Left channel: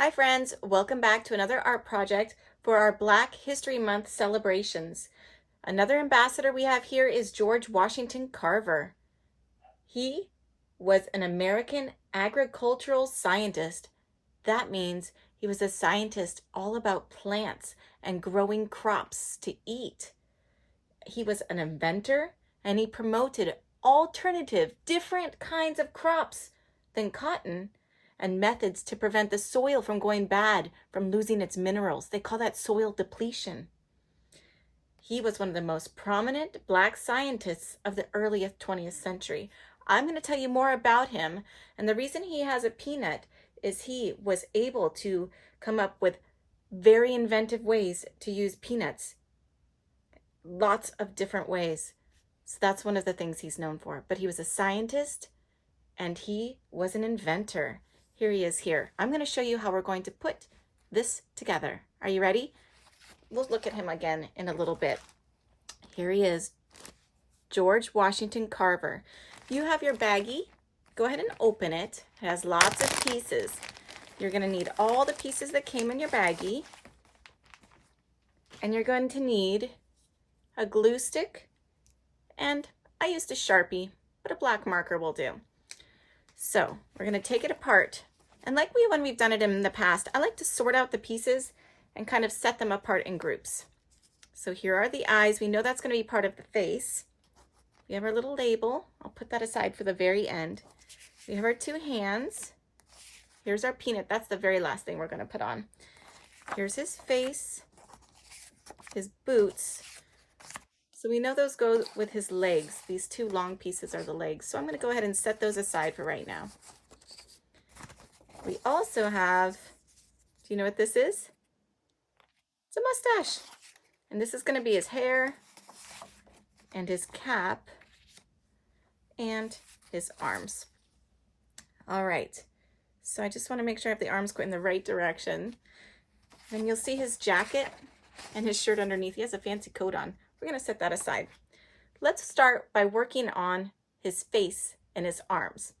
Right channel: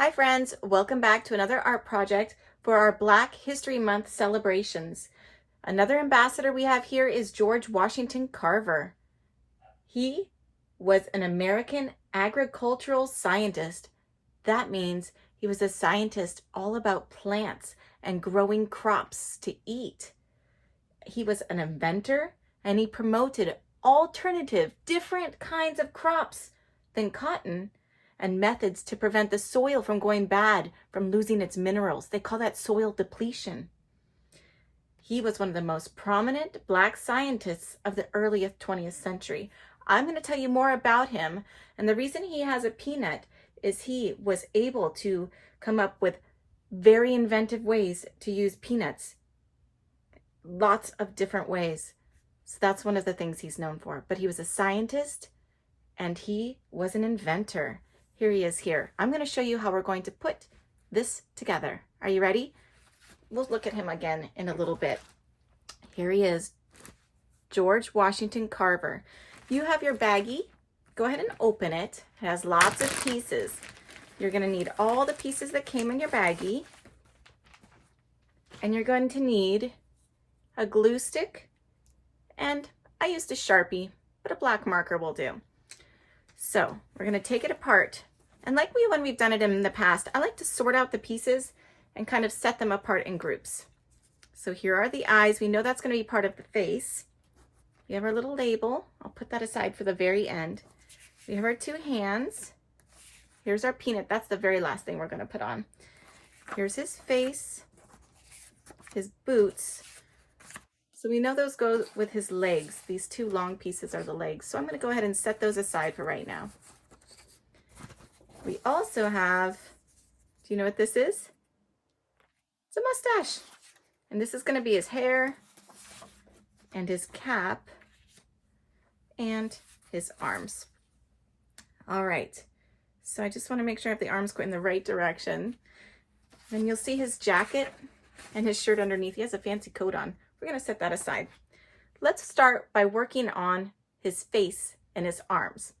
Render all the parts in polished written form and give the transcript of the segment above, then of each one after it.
Hi friends, welcome back to another art project for our Black History Month celebrations. Another ambassador we have here is George Washington Carver. He was an American agricultural scientist. That means he was a scientist all about plants and growing crops to eat. He was an inventor and he promoted alternative, different kinds of crops than cotton and methods to prevent the soil from going bad, from losing its minerals. They call that soil depletion. He was one of the most prominent Black scientists of the early 20th century. I'm going to tell you more about him, and the reason he has a peanut is he was able to come up with very inventive ways to use peanuts. Lots of different ways. So that's one of the things he's known for. But he was a scientist and he was an inventor. Here he is here. I'm going to show you how we're going to put this together. Are you ready? We'll look at him again in a little bit. Here he is, George Washington Carver. You have your baggie. Go ahead and open it. It has lots of pieces. You're going to need all the pieces that came in your baggie. And you're going to need a glue stick, and I used a Sharpie, but a black marker will do. So we're going to take it apart. And like when we've done it in the past, I like to sort out the pieces and kind of set them apart in groups. So here are the eyes. We know that's going to be part of the face. We have our little label. I'll put that aside for the very end. We have our two hands. Here's our peanut. That's the very last thing we're going to put on. Here's his face, his boots. So we know those go with his legs. These two long pieces are the legs. So I'm going to go ahead and set those aside for right now. We also have, do you know what this is? It's a mustache. And this is going to be his hair and his cap and his arms. All right. So I just want to make sure I have the arms going in the right direction. Then you'll see his jacket and his shirt underneath. He has a fancy coat on. We're going to set that aside. Let's start by working on his face and his arms.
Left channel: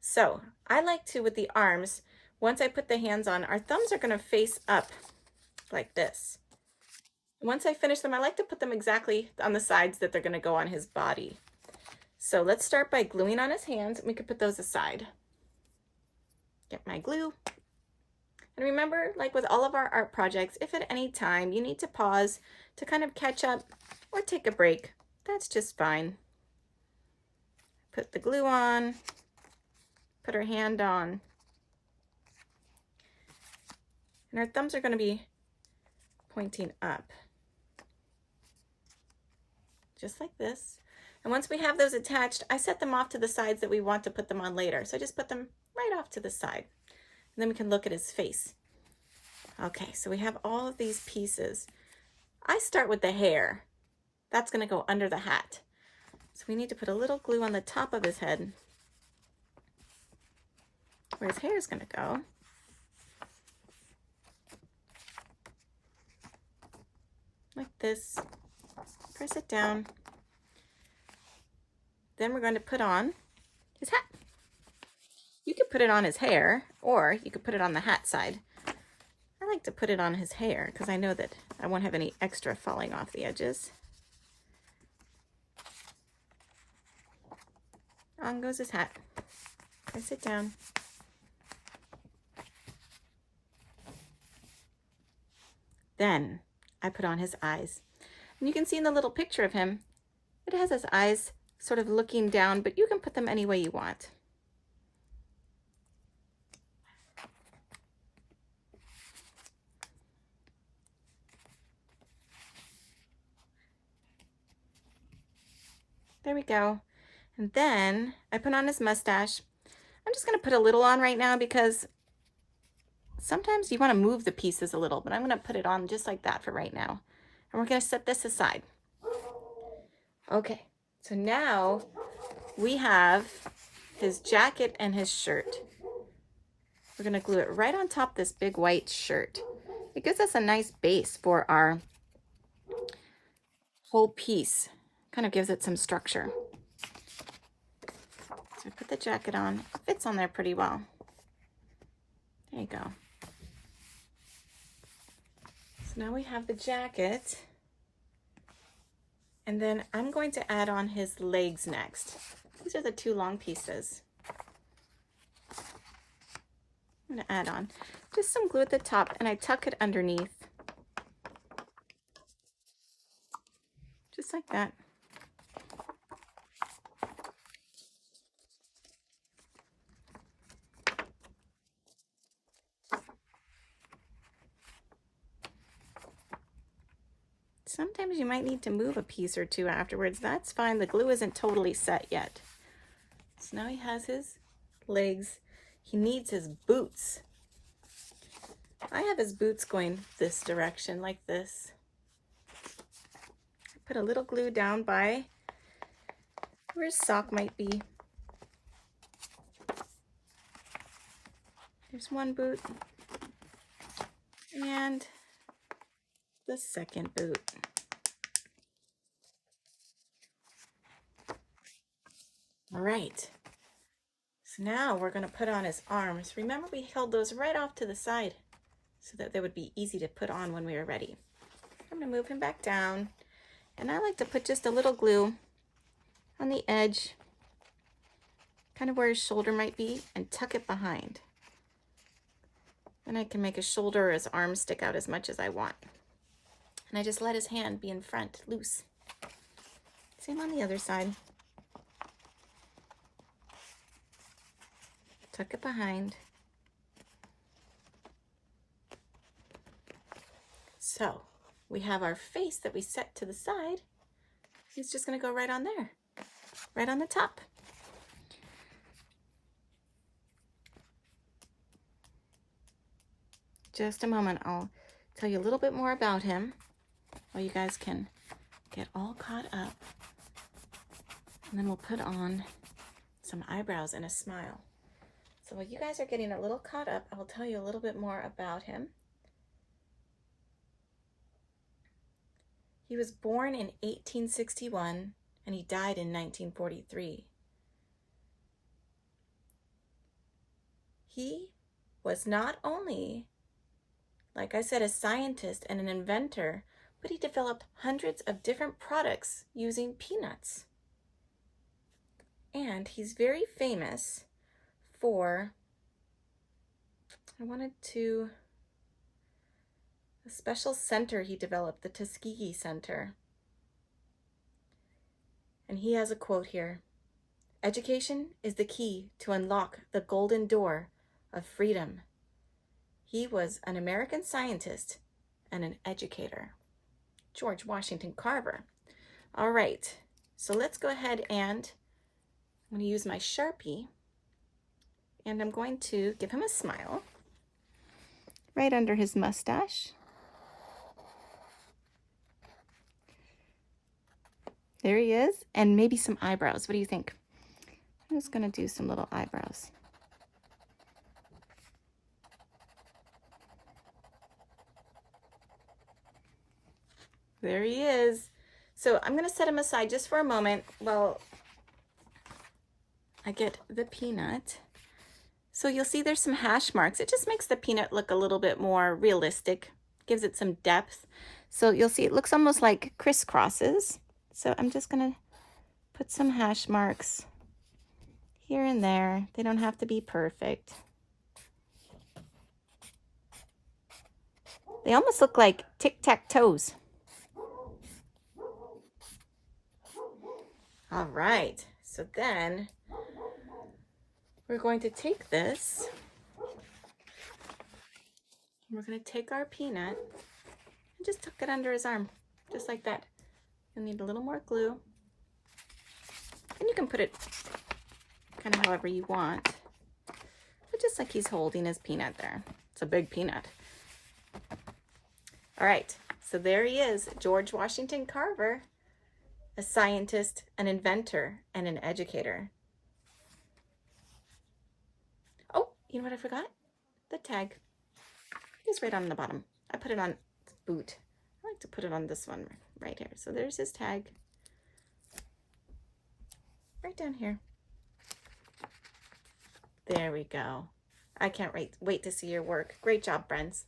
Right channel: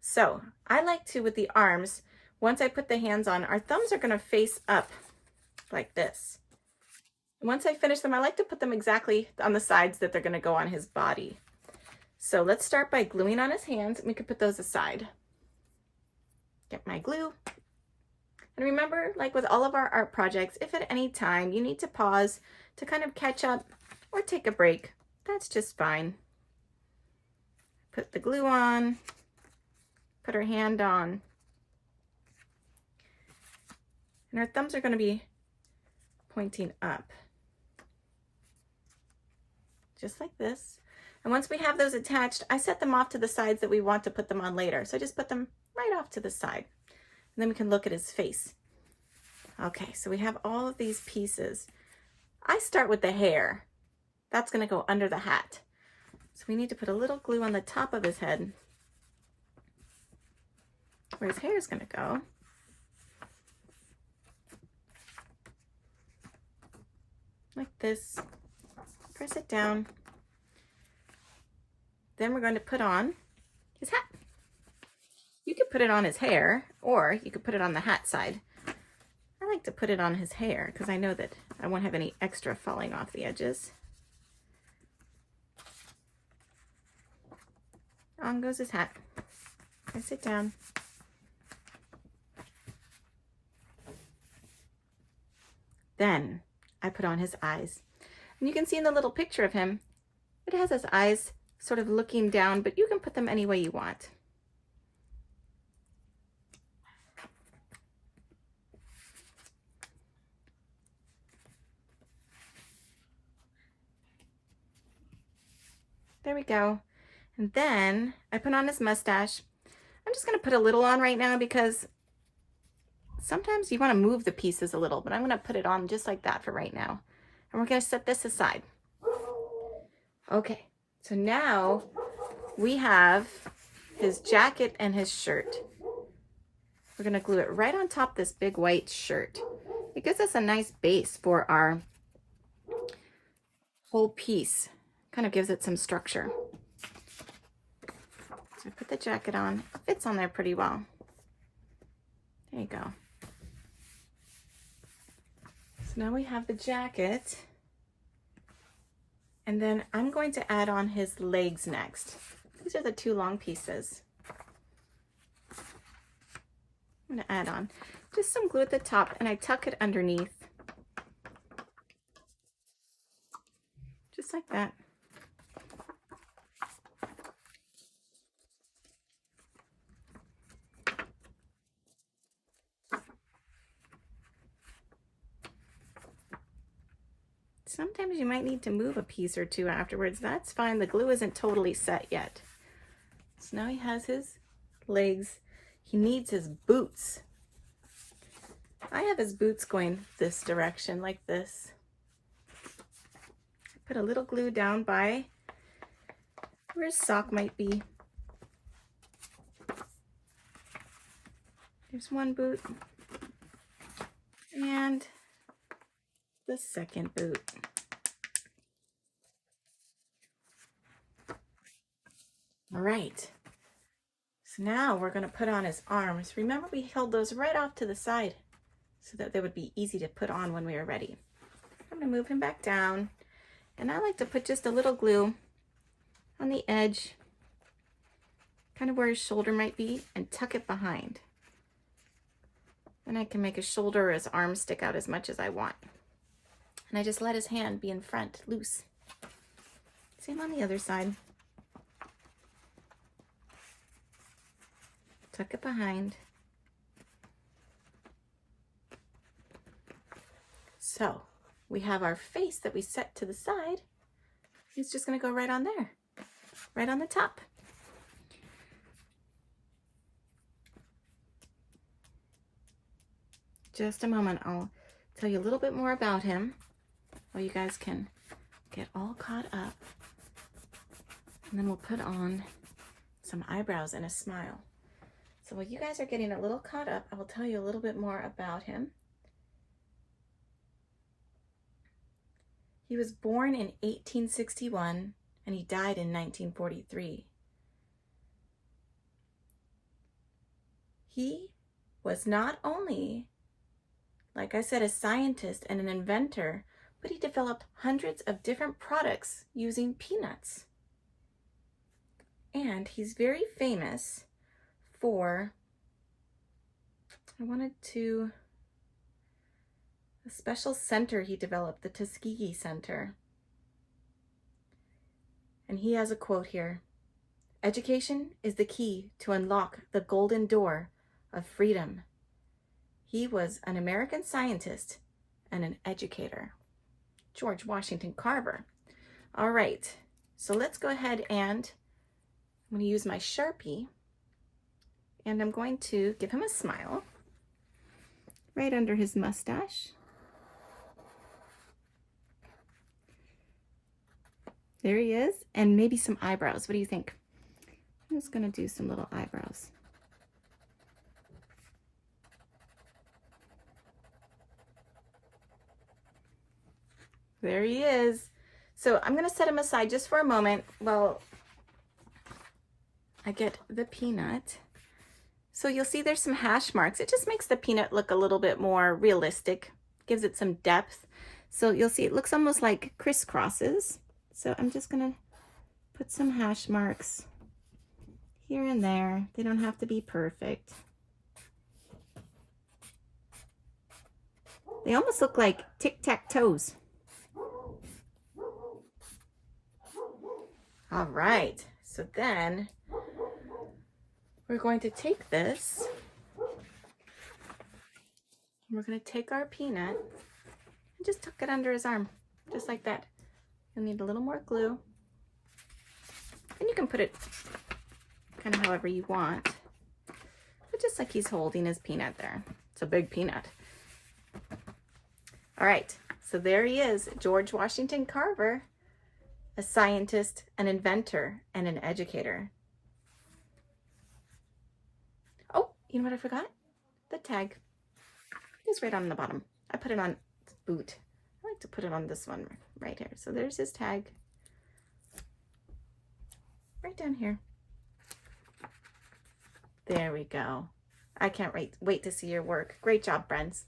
So I like to, with the arms, once I put the hands on, our thumbs are going to face up like this. Once I finish them, I like to put them exactly on the sides that they're going to go on his body. So let's start by gluing on his hands, and we can put those aside. Get my glue. And remember, like with all of our art projects, if at any time you need to pause to kind of catch up or take a break, that's just fine. Put the glue on, put our hand on, and our thumbs are going to be pointing up, just like this. And once we have those attached, I set them off to the sides that we want to put them on later. So I just put them right off to the side. And then we can look at his face. Okay, so we have all of these pieces. I start with the hair. That's going to go under the hat. So we need to put a little glue on the top of his head, where his hair is going to go. Like this. Press it down. Then we're going to put on his hat. You could put it on his hair, or you could put it on the hat side. I like to put it on his hair because I know that I won't have any extra falling off the edges. On goes his hat. I sit down. Then I put on his eyes. And you can see in the little picture of him, it has his eyes sort of looking down, but you can put them any way you want. There we go. And then I put on his mustache. I'm just going to put a little on right now because sometimes you want to move the pieces a little, but I'm going to put it on just like that for right now. And we're going to set this aside. Okay, so now we have his jacket and his shirt. We're going to glue it right on top of this big white shirt. It gives us a nice base for our whole piece. Kind of gives it some structure. So I put the jacket on. It fits on there pretty well. There you go. So now we have the jacket. And then I'm going to add on his legs next. These are the two long pieces. I'm gonna add on just some glue at the top, and I tuck it underneath. Just like that. Sometimes you might need to move a piece or two afterwards. That's fine. The glue isn't totally set yet. So now he has his legs. He needs his boots. I have his boots going this direction like this. I put a little glue down by where his sock might be. There's one boot. And the second boot. All right, so now we're going to put on his arms. Remember, we held those right off to the side so that they would be easy to put on when we were ready. I'm going to move him back down, and I like to put just a little glue on the edge, kind of where his shoulder might be, and tuck it behind. Then I can make his shoulder or his arm stick out as much as I want. And I just let his hand be in front, loose. Same on the other side. Tuck it behind. So we have our face that we set to the side. It's just going to go right on there, right on the top. Just a moment, I'll tell you a little bit more about him while you guys can get all caught up. And then we'll put on some eyebrows and a smile. So while you guys are getting a little caught up, I will tell you a little bit more about him. He was born in 1861 and he died in 1943. He was not only, like I said, a scientist and an inventor, but he developed hundreds of different products using peanuts. And he's very famous for, a special center he developed, the Tuskegee Center. And he has a quote here: "Education is the key to unlock the golden door of freedom." He was an American scientist and an educator. George Washington Carver. All right, so let's go ahead and I'm going to use my Sharpie, and I'm going to give him a smile right under his mustache. There he is, and maybe some eyebrows. What do you think? I'm just going to do some little eyebrows. There he is. So I'm going to set him aside just for a moment while I get the peanut. So you'll see there's some hash marks. It just makes the peanut look a little bit more realistic, gives it some depth. So you'll see it looks almost like crisscrosses. So I'm just going to put some hash marks here and there. They don't have to be perfect. They almost look like tic-tac-toes. All right, so then we're going to take this, and we're going to take our peanut and just tuck it under his arm, just like that. You'll need a little more glue, and you can put it kind of however you want, but just like he's holding his peanut there. It's a big peanut. All right, so there he is, George Washington Carver, a scientist, an inventor, and an educator. Oh, you know what I forgot? The tag. It's right on the bottom. I put it on his boot. I like to put it on this one right here. So there's his tag. Right down here. There we go. I can't wait to see your work. Great job, friends.